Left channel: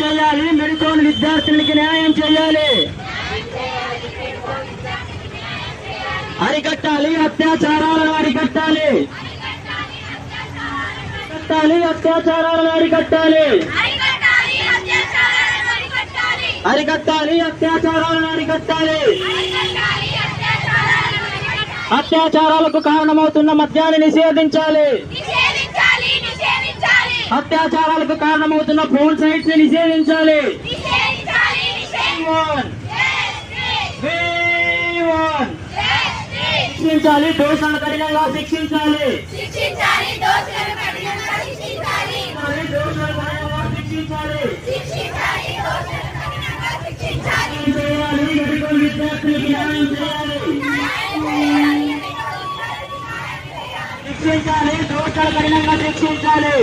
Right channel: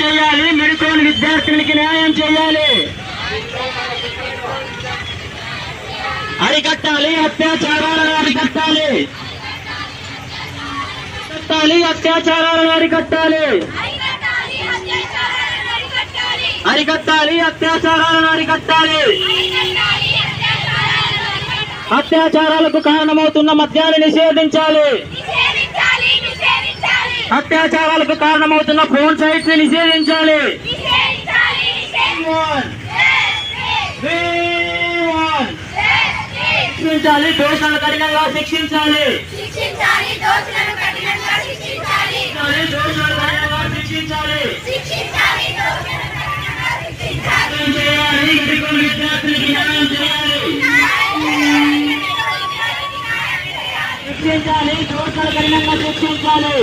చేయాలి, మెడికోని విద్యార్థులకి న్యాయం చేయాలి, అరికట్టాలి, అత్యాచారాలను అరికట్టాలి, అత్యాచారాలను అరికట్టాలి, అరికట్టాలి, అత్యాచారాలను అరికట్టాలి. అత్యాచారాలకు కారణమవుతున్న మద్యాన్ని నిషేధించాలి, అత్యాచారాలకు కారణమవుతున్న ఫోన్ సైట్స్ ని నిషేధించాలి, శిక్షించాలి, దోషులను కఠినంగా శిక్షించాలి, విద్యార్థులకి న్యాయం చేయాలి, శిక్షించాలి, దోషులను కఠినంగా శిక్షించాలి.